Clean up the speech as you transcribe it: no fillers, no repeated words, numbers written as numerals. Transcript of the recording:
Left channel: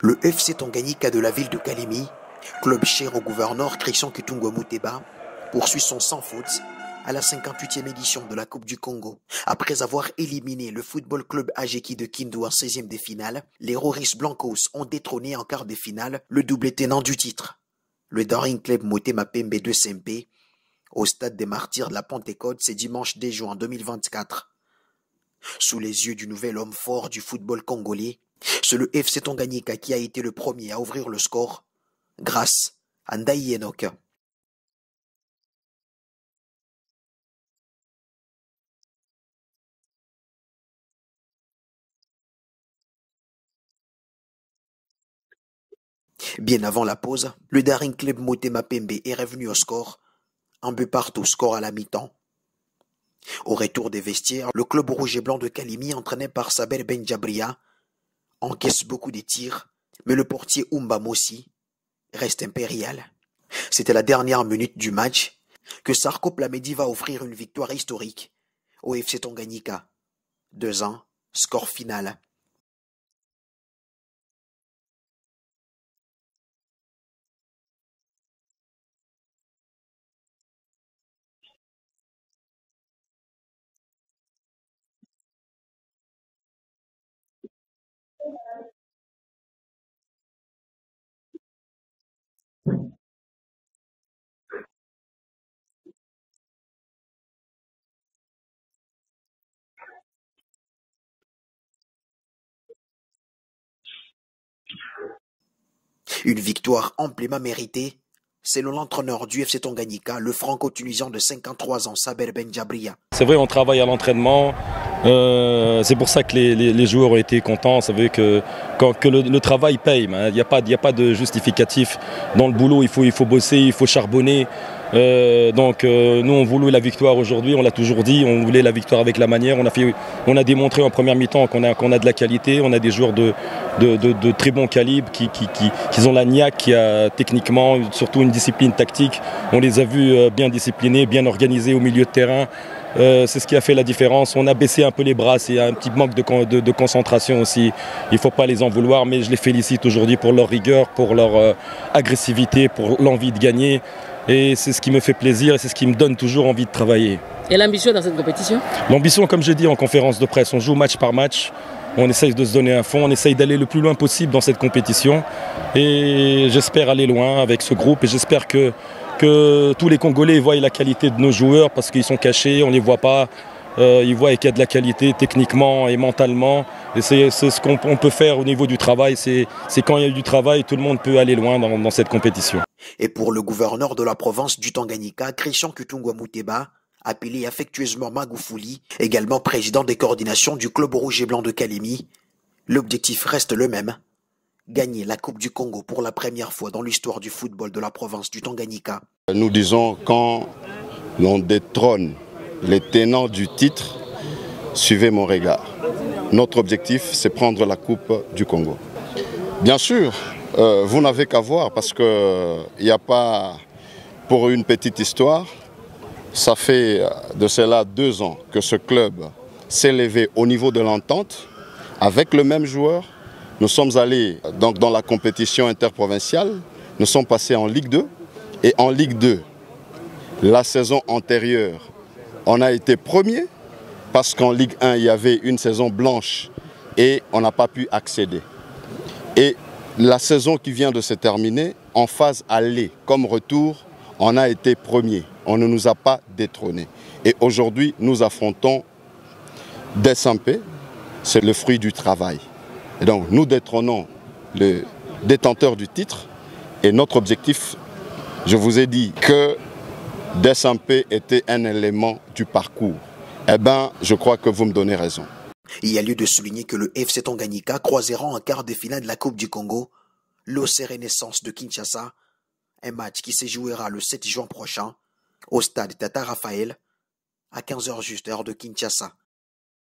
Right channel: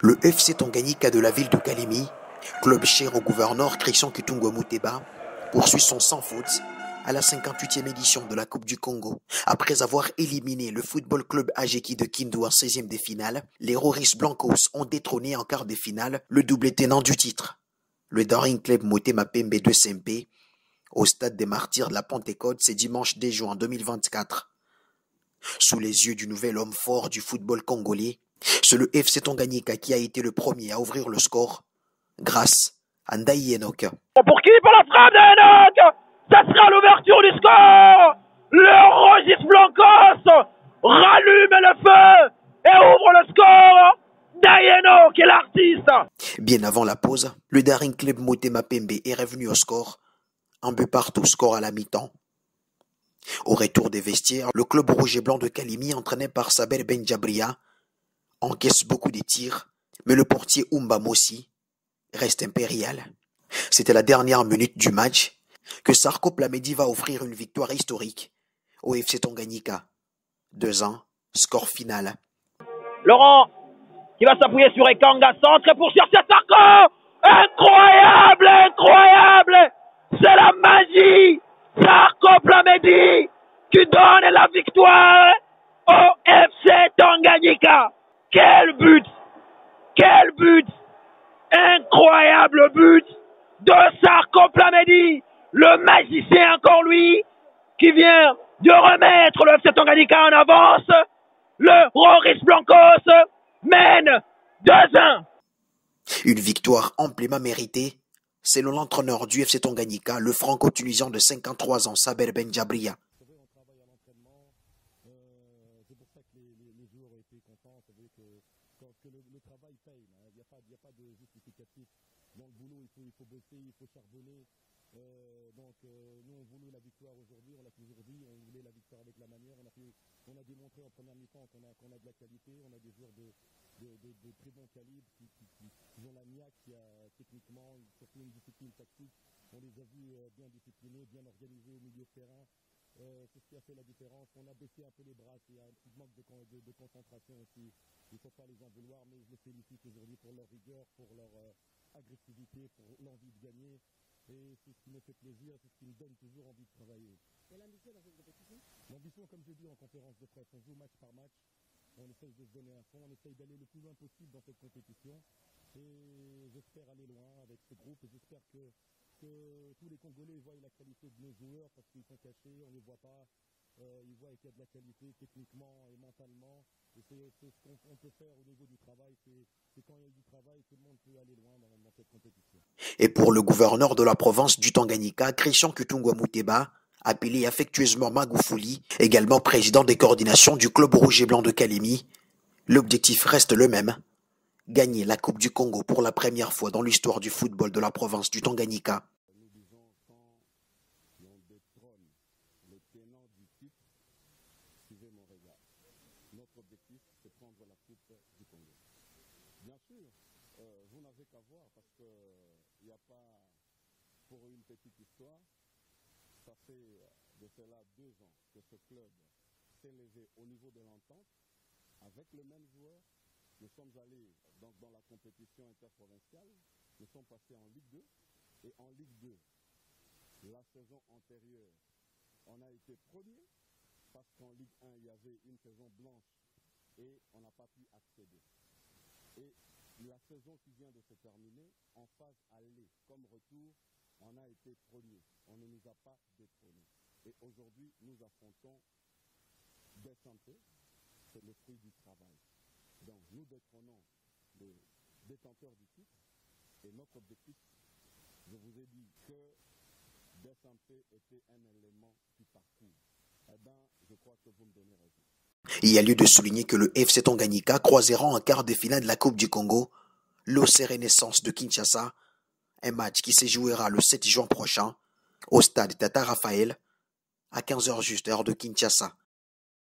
Le FC Tanganyika de la ville de Kalemi, club cher au gouverneur Christian Kitungwa Muteba, poursuit son sans faute à la 58e édition de la Coupe du Congo. Après avoir éliminé le Football Club Ajeki de Kindu en 16e des finales, les Roriz Blancos ont détrôné en quart de finale le double tenant du titre, le Daring Club Motema Pembe de SMP, au stade des Martyrs de la Pentecôte, c'est dimanche 10 juin 2024. Sous les yeux du nouvel homme fort du football congolais, c'est le FC Tanganyika qui a été le premier à ouvrir le score grâce à Ndaï Enoch. Pour qui? Pour la frappe d'Enoch! Ça sera l'ouverture du score! Le Roriz Blancos rallume le feu et ouvre le score! Ndaï Enoch est l'artiste! Bien avant la pause, le Daring Club Motema Pembe est revenu au score, un but partout, score à la mi-temps. Au retour des vestiaires, le club rouge et blanc de Kalemi, entraîné par Saber Benjabria, encaisse beaucoup de tirs, mais le portier Oumba Mossi reste impérial. C'était la dernière minute du match que Sarko Plamedi va offrir une victoire historique au FC Tanganyika. 2-1, score final. Laurent qui va s'appuyer sur Ekanga, centre pour chercher Sarko. Incroyable, incroyable. C'est la magie. Sarko Plamedi qui donne la victoire au FC Tanganyika. Quel but! Quel but! Incroyable but de Sarko Plamedi, le magicien encore lui, qui vient de remettre le FC Tanganyika en avance. Le Roriz Blancos mène 2-1. Une victoire amplement méritée, selon l'entraîneur du FC Tanganyika, le franco-tunisien de 53 ans, Saber Benjabria. C'est vrai, on travaille à l'entraînement. C'est pour ça que les joueurs ont été contents. Ça veut que le travail paye. Il n'y a pas de justificatif. Dans le boulot, il faut bosser, il faut charbonner. Nous, on voulait la victoire aujourd'hui. On l'a toujours dit. On voulait la victoire avec la manière. On a démontré en première mi-temps qu'on a de la qualité. On a des joueurs de très bon calibre qui ont la niaque, qui a techniquement surtout une discipline tactique. On les a vus bien disciplinés, bien organisés au milieu de terrain. C'est ce qui a fait la différence. On a baissé un peu les bras, c'est un petit manque de concentration aussi. Il ne faut pas les en vouloir, mais je les félicite aujourd'hui pour leur rigueur, pour leur agressivité, pour l'envie de gagner. Et c'est ce qui me fait plaisir et c'est ce qui me donne toujours envie de travailler. Et l'ambition dans cette compétition? L'ambition, comme j'ai dit en conférence de presse, on joue match par match. On essaye de se donner un fond, on essaye d'aller le plus loin possible dans cette compétition. Et j'espère aller loin avec ce groupe et j'espère que tous les Congolais voient la qualité de nos joueurs parce qu'ils sont cachés, on ne les voit pas. Ils voient qu'il y a de la qualité techniquement et mentalement. Et c'est ce qu'on peut faire au niveau du travail. C'est quand il y a du travail, tout le monde peut aller loin dans cette compétition. Et pour le gouverneur de la province du Tanganyika, Christian Kitungwa Muteba, appelé affectueusement Magoufouli, également président des coordinations du club rouge et blanc de Kalemi, l'objectif reste le même. Gagner la Coupe du Congo pour la première fois dans l'histoire du football de la province du Tanganyika. Nous disons quand l'on détrône les tenants du titre, suivez mon regard. Notre objectif, c'est prendre la Coupe du Congo. Bien sûr, vous n'avez qu'à voir parce qu'il n'y a pas, pour une petite histoire, ça fait de cela 2 ans que ce club s'est élevé au niveau de l'entente avec le même joueur. Nous sommes allés donc dans la compétition interprovinciale, nous sommes passés en Ligue 2 et en Ligue 2, la saison antérieure, on a été premier parce qu'en Ligue 1, il y avait une saison blanche et on n'a pas pu accéder. Et la saison qui vient de se terminer, en phase aller comme retour, on a été premier. On ne nous a pas détrônés. Et aujourd'hui, nous affrontons des SMP, c'est le fruit du travail. Et donc nous détrônons le détenteur du titre et notre objectif, je vous ai dit que SMP était un élément du parcours. Eh bien, je crois que vous me donnez raison. Il y a lieu de souligner que le FC Tanganyika croisera en quart de finale de la Coupe du Congo l'OC Renaissance de Kinshasa, un match qui se jouera le 7 juin prochain au stade Tata Raphaël à 15h juste heure de Kinshasa.